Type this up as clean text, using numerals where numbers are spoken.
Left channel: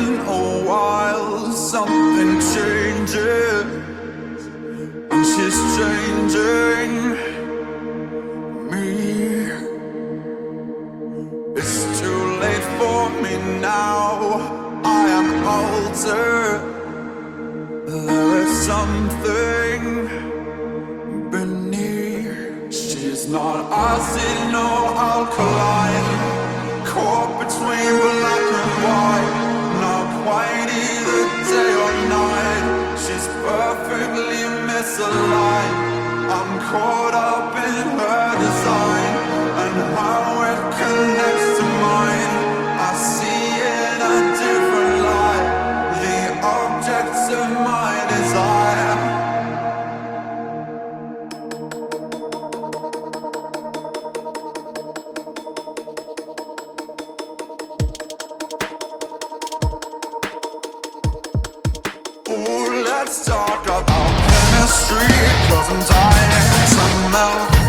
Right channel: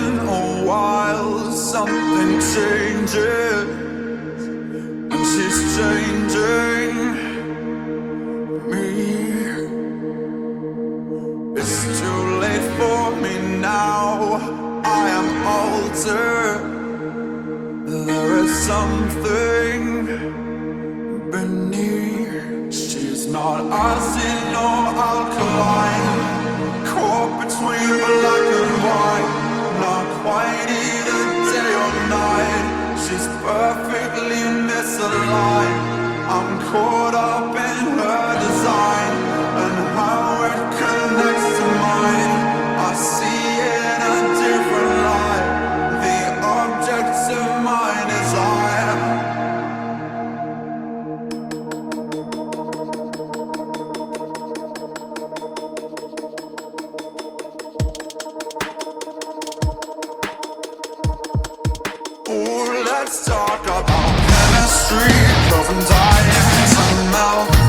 been a while, something changes, and she's changing me. It's too late for me now, I am altered. There is something beneath. She's not acid nor alkaline, caught between black and white, not quite either day or night. She's perfectly misaligned. I'm caught up in her design and how it connects to mine. I see in a different light the objects of my desire. Ooh, let's talk about chemistry, 'cause I'm dying to melt.